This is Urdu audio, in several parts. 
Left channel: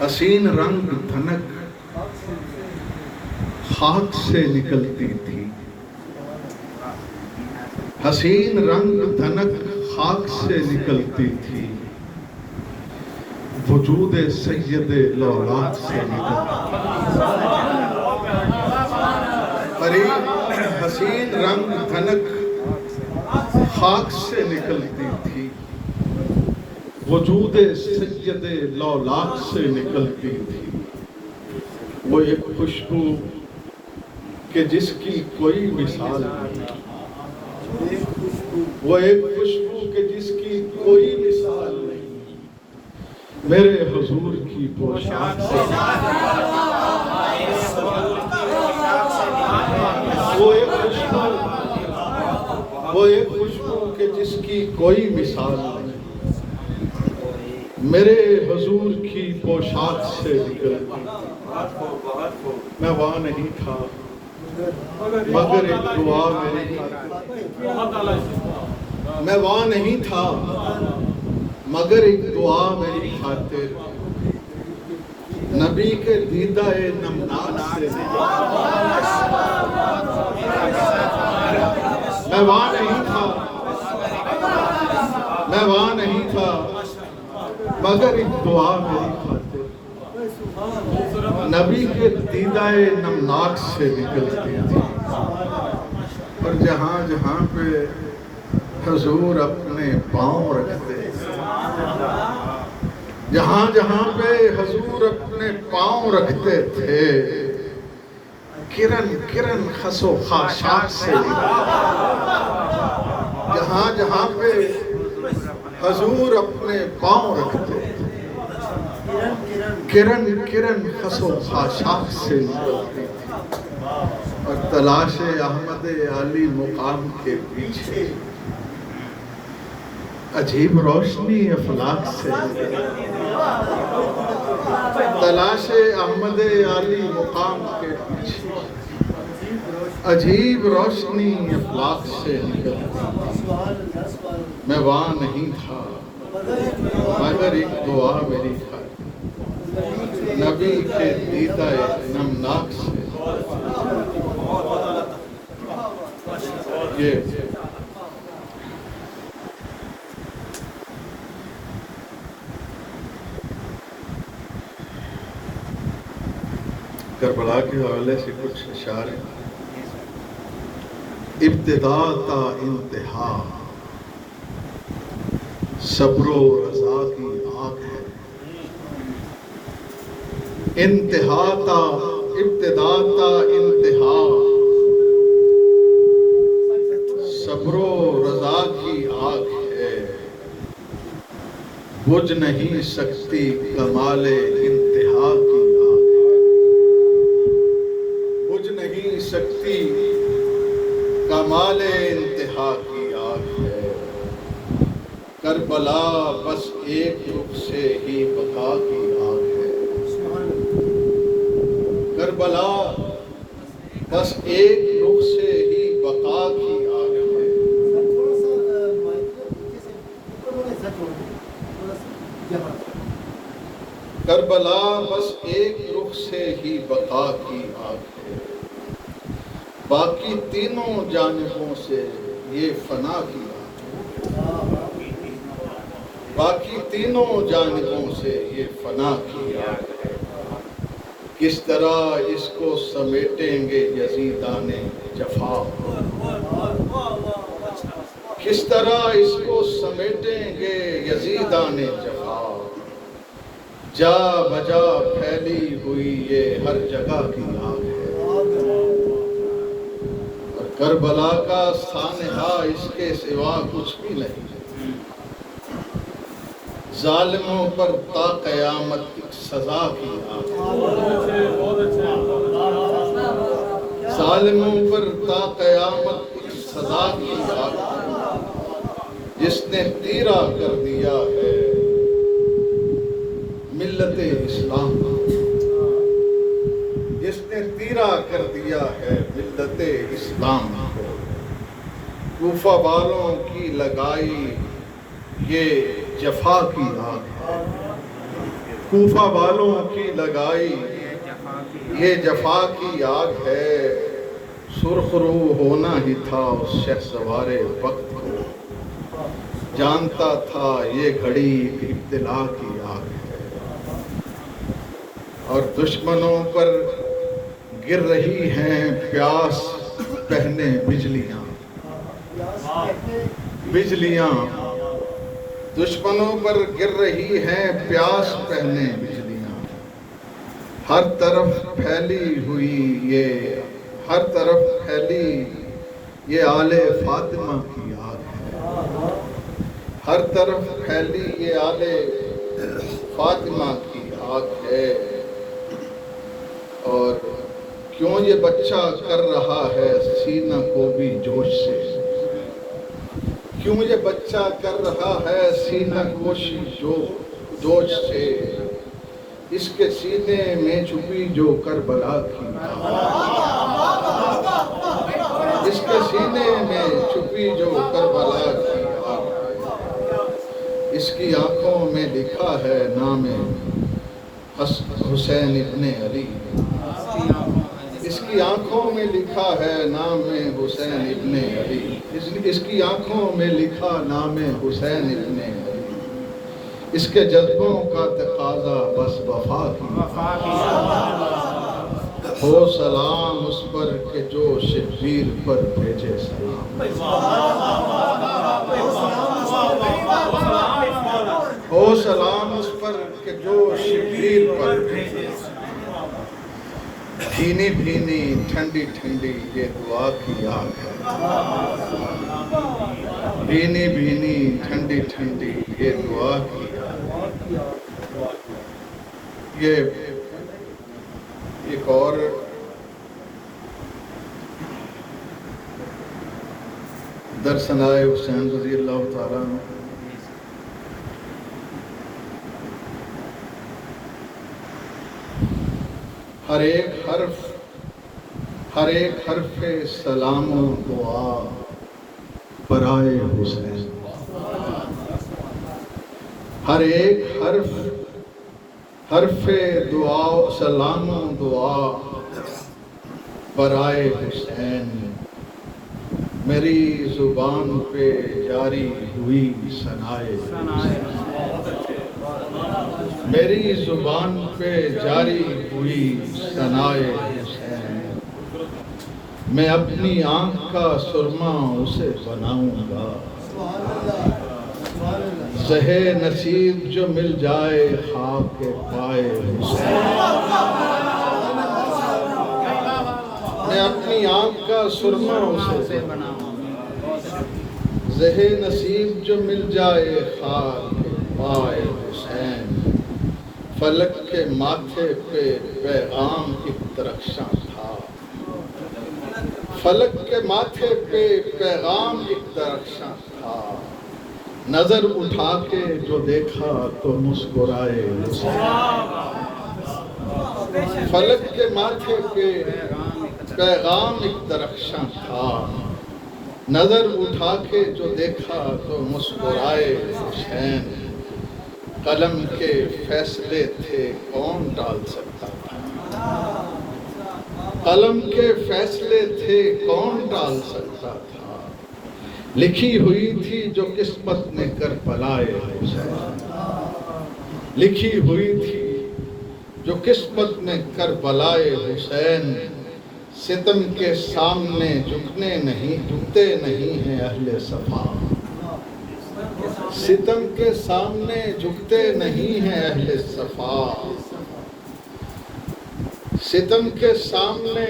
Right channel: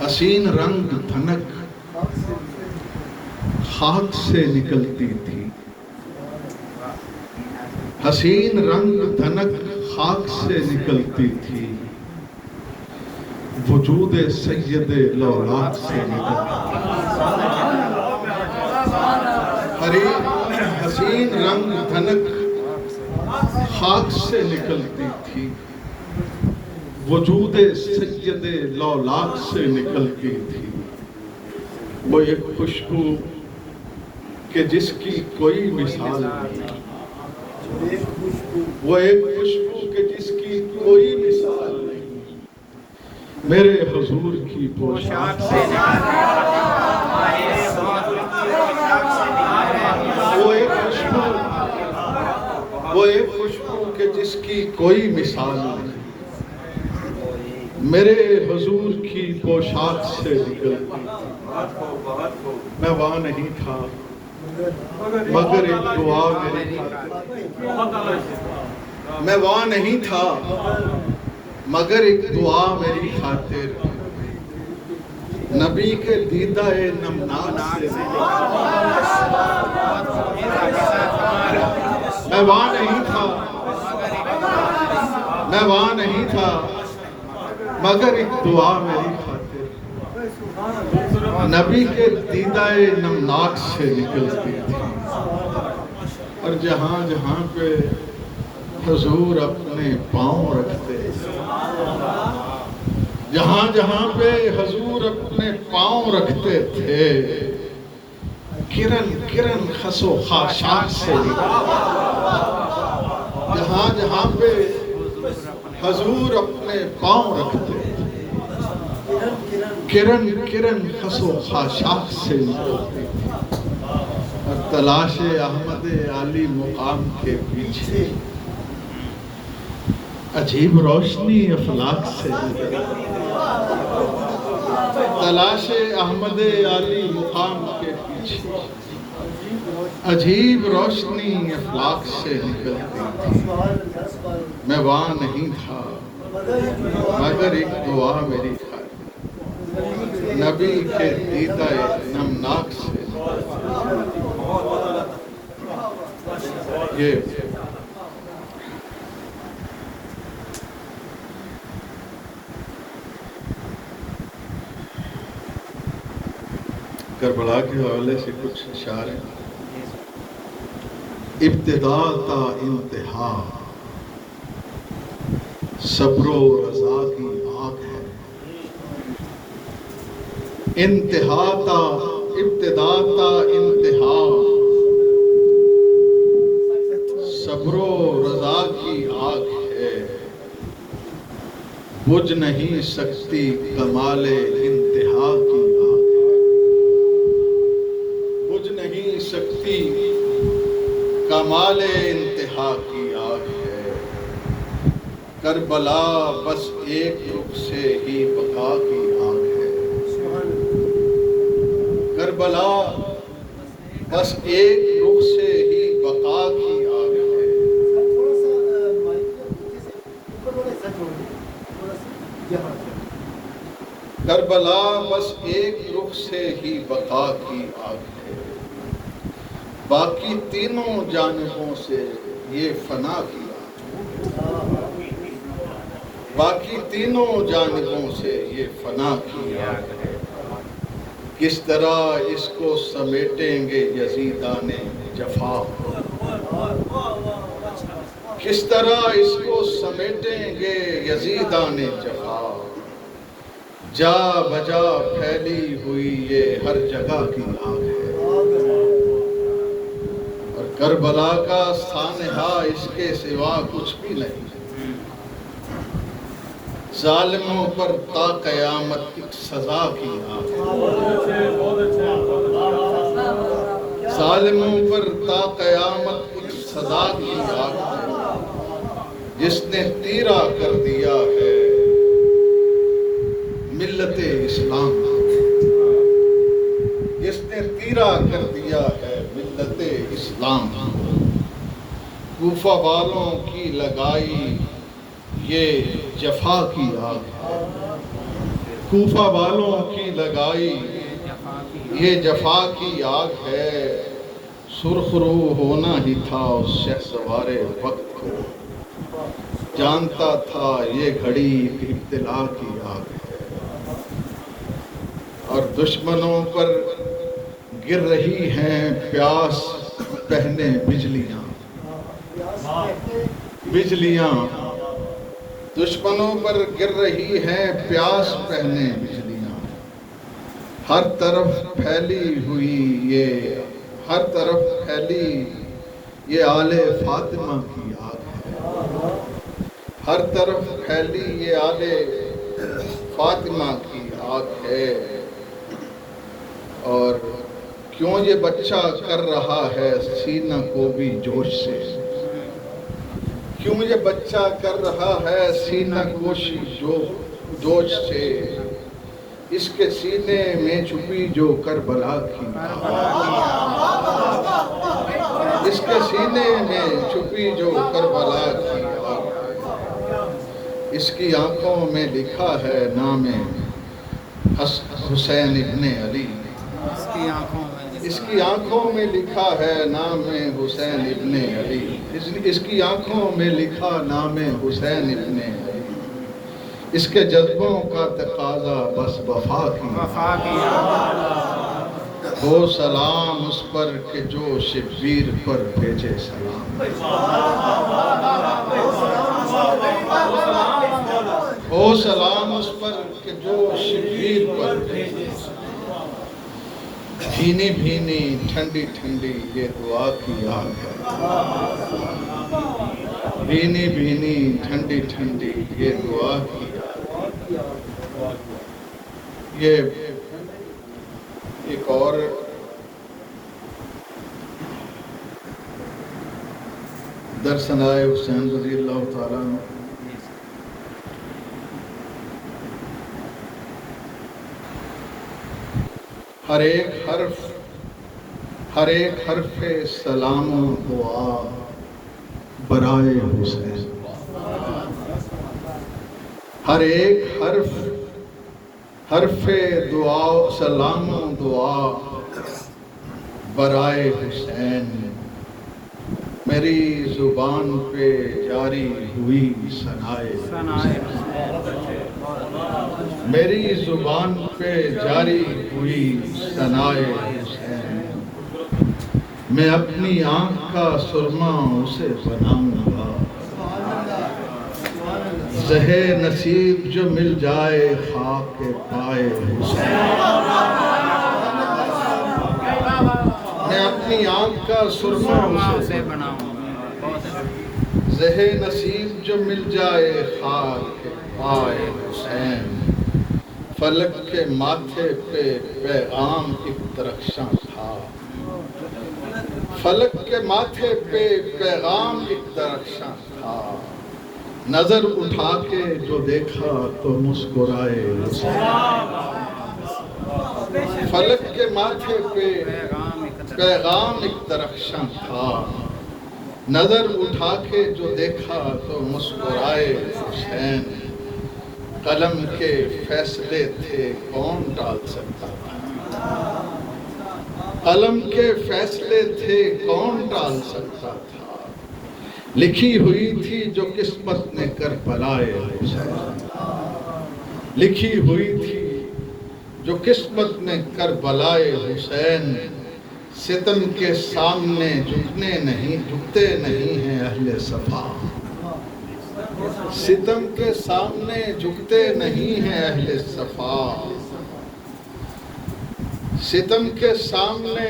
حسین رنگ دھنک خاک سے نکلتی تھی، حسین رنگ دھنک خاک سے نکلتی تھی، وجود سید لولاک سے نکلتی تھی۔ حسین رنگ دھنک خاک سے نکلتی تھی، وجود سید لولاک سے نکلتی تھی۔ وہ ایک خوشبو کہ جس کی کوئی مثال نہیں، وہ ایک خوشبو کہ جس کی کوئی مثال نہیں، میرے حضور کی پوشاک سے وہ ایک خوشبو کہ جس کی کوئی مثال نہیں، میرے حضور کی پوشاک سے نکلتی تھی۔ میں وہاں نہیں تھا مگر ایک دعا میری خاطر، میں وہاں نہیں تھا مگر ایک دعا میری خاطر، نبی کے دیدہ نمناک سے میں وہاں نہیں تھا، میں وہاں نہیں تھا مگر ایک دعا میری خاطر، نبی کے دیدہ نمناک سے نکلتی تھی۔ اور جہاں جہاں پہ حضور اپنے پاؤں رکھتے، جہاں جہاں پہ حضور اپنے پاؤں رکھتے تھے، کرن کرن خس و خاشاک سے نکلتی، جہاں جہاں پہ حضور اپنے پاؤں رکھتے تھے، کرن کرن خس و خاشاک سے نکلتی تھی۔ اور تلاش احمد علی مقام کے پیچھے عجیب روشنی افلاک سے نکلتی تھی، تلاش احمد علی مقام کے پیچھے عجیب روشنی افلاک سے نکلتی تھی۔ میں وہاں نہیں تھا مگر ایک دعا میری خاطر، نبی کے دیدہ نمناک سے یہ کربلا کے حوالے سے کچھ اشعار ہیں۔ ابتدا تا انتہا صبر و رضا کی آگ ہے، انتہا تا ابتدا تا انتہا صبر و رضا کی آگ ہے، بجھ نہیں سکتی کمال انتہا کی آگ ہے، بجھ نہیں سکتی کمال انتہا کی آگ ہے، کربلا بس ایک رخ سے ہی بقا کی آگ ہے، کربلا بس ایک رخ سے ہی بقا کی آگ ہے، کربلا بس ایک رخ سے ہی بقا کی آگ ہے، باقی تینوں جانبوں سے یہ فنا کی آگ ہے، باقی تینوں جانبوں سے یہ فنا کی آگ ہے، کس طرح اس کو سمیٹیں گے یزیدان جفا، کس طرح اس کو سمیٹیں گے یزیدان جفا، جا بجا پھیلی ہوئی یہ ہر جگہ کی آگ ہے، اور کربلا کا سانحہ اس کے سوا کچھ بھی نہیں، ظالموں پر تا قیامت ایک سزا کی آگ ہے، ظالموں پر تا قیامت ایک سزا کی آگ ہے، جس نے تیرا کر دیا ہے ملت اسلام، جس نے تیرا کر دیا ہے ملت اسلام، کوفہ والوں کی لگائی یہ جفا کی آگ ہے، کوفہ والوں کی لگائی یہ جفا کی آگ ہے، سرخ رو ہونا ہی تھا اس شہسوار وقت کو، جانتا تھا یہ گھڑی ابتلا کی آگ ہے، اور دشمنوں پر گر رہی ہیں پیاس پہنے بجلیاں، بجلیاں دشمنوں پر گر رہی ہیں پیاس پہنے بجلیاں، ہر طرف پھیلی ہوئی ہر طرف پھیلی یہ آل فاطمہ کی آگ ہے، ہر طرف پھیلی یہ آل فاطمہ کی آگ ہے، اور کیوں یہ بچہ کر رہا ہے سینہ کو بھی جوش سے، کیوں یہ بچہ کر رہا ہے سینہ گوشی جوش سے، اس کے سینے میں چھپی جو کربلا کی آگ، اس کے سینے میں چھپی جو کربلا کی آگ ہے، اس کی آنکھوں میں لکھا ہے نام حسین ابن علی، اس کی آنکھوں میں لکھا ہے نام حسین ابن علی، اس کی آنکھوں میں لکھا نام حسین ابن علی، اس کے جذبوں کا تقاضا بس وفا کی، ہو سلام اس پر کہ جو شبیر پر بھیجے سلام، ہو سلام اس پر کہ جو شبیر پر بھیجے سلام، بھینی بھینی ٹھنڈی ٹھنڈی یہ دعا کی آگ ہے، بھینی بھینی ٹھنڈی ٹھنڈی یہ دعا کی آگ ہے۔ یہ ایک اور در ثنائے حسین رضی اللہ تعالیٰ عنہ، ہر ایک حرف سلام و دعا برائے حسین، ہر ایک حرف دعا سلام و دعا برائے حسین، میری زبان پہ جاری ہوئی ثنائے حسین، میری زبان پہ جاری ہوئی ثنائے حسین، میں اپنی آنکھ کا سرما اسے بناؤں گا، زہے نصیب جو مل جائے خاک پائے حسین، میں اپنی آنکھ کا سرما اسے بناؤں گا، زہے نصیب جو مل جائے خاک پائے حسین، فلک کے ماتھے پہ پیغام ایک درخشاں تھا، فلک کے ماتھے پہ پیغام ایک درخشاں تھا، نظر اٹھا کے جو دیکھا تو مسکرائے حسین، فلک کے ماتھے پہ پیغام ایک درخشاں تھا، نظر اٹھا کے جو دیکھا تو مسکرائے حسین، قلم کے فیصلے تھے کون ٹال سکتا تھا، قلم کے فیصلے تھے کون ٹال سکتا تھا، لکھی ہوئی تھی جو قسمت نے کربلائے حسین، لکھی ہوئی تھی جو قسمت نے کربلائے حسین، ستم کے سامنے جھکتے نہیں ہیں اہل صفا، ستم کے سامنے جھکتے نہیں ہیں اہل صفا، ستم کے سامنے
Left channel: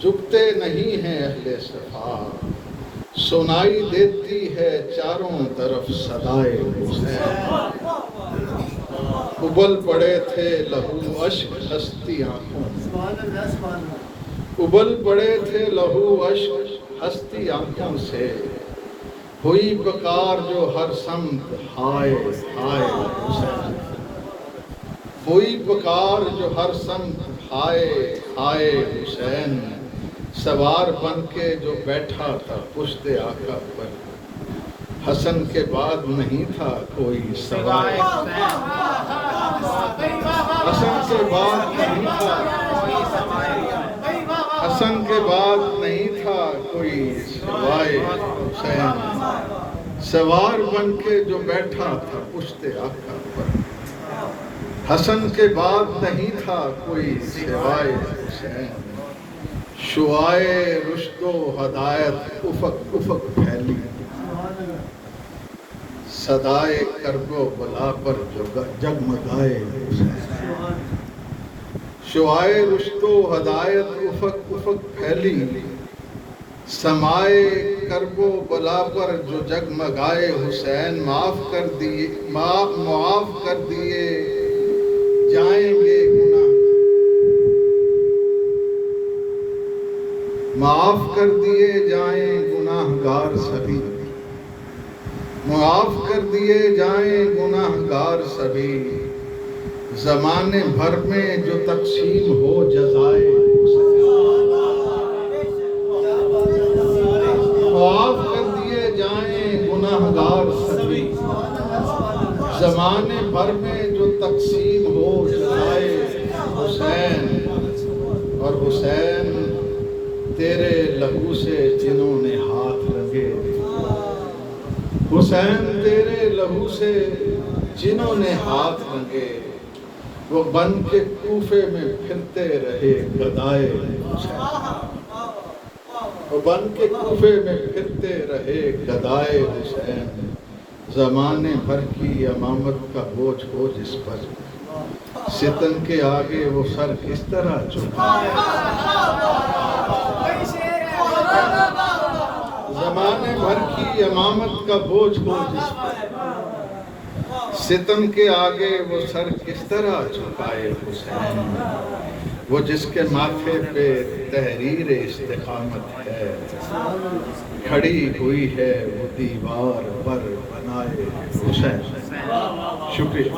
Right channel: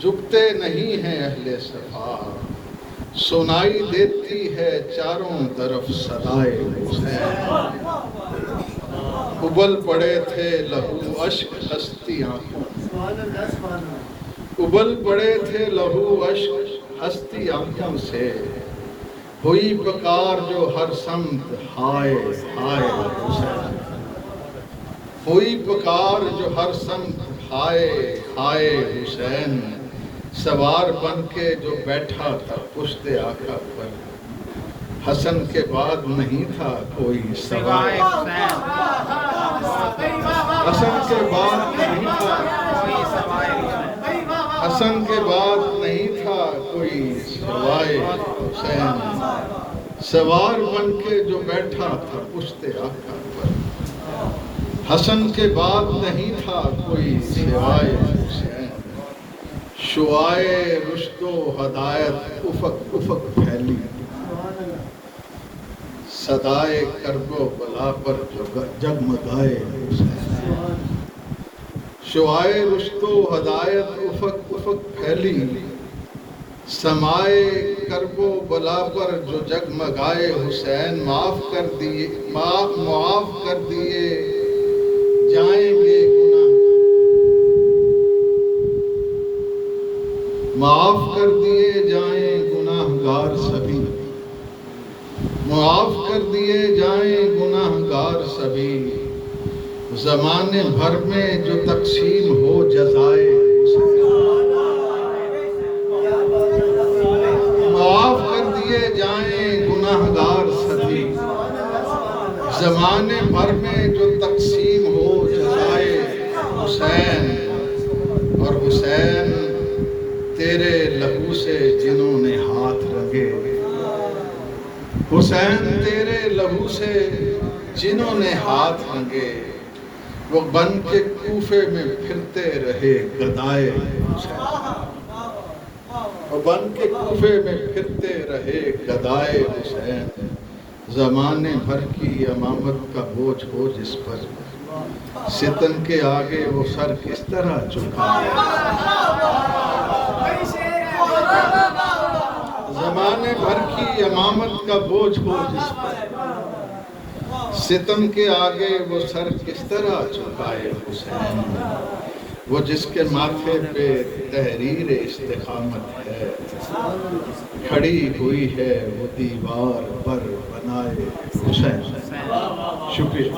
جھکتے نہیں ہیں اہل صفا، سنائی دیتی ہے چاروں طرف صدائے حسین، ابل پڑے تھے لہو اشک ہستی آنکھوں، ابل پڑے تھے لہو اشک ہستی آنکھوں سے، ہوئی پکار جو ہر سمت ہائے ہائے حسین، ہوئی پکار جو ہر سمت ہائے ہائے حسین، سوار بن کے جو بیٹھا تھا پشت آقا پر، حسن کے بعد نہیں تھا کوئی سوار، حسن کے بعد نہیں تھا، حسن کے بعد نہیں تھا کوئی سوائے حسین، سوار بن کے جو بیٹھا تھا پشت آقا پر، حسن کے بعد نہیں تھا کوئی سوائے حسین، شعائے رشد و ہدایت افق افق پھیلی، صدائے کرب و بلا پر جگمگائے حسین، شعائے رشد و ہدایت افق افق پھیلی، سمائے کرب و بلا پر جو جگمگائے حسین، معاف کر دیے جائیں گے گناہ، معاف کر دیے جائیں گناہگار سبھی، معاف کر دیے جائیں گناہگار سبھی، زمانے بھر میں جو تقسیم ہو جزائے حسین، معاف کر دیے جائیں گناہگار سبھی، زمانے بھر میں جو تقسیم ہو جزائے حسین، اور حسین تیرے لہو سے جنہوں نے ہاتھ رنگے، حسین تیرے لہو سے جنہوں نے ہاتھ رنگے، وہ بن کے کوفے میں پھرتے رہے گدائے حسین، وہ بن کے کوفے میں پھرتے رہے گدائے حسین، زمانے بھر کی امامت کا بوجھ ہو جس پر، ستم کے آگے وہ سر کس طرح جھکائے، زمانے بھر کی امامت کا بوجھ ہو جس پر، ستم کے آگے وہ سر کس طرح جھکائے حسین، وہ جس کے ماتھے پہ تحریر استقامت ہے، کھڑی ہوئی ہے وہ دیوار پر بنائے حسین۔ شکریہ۔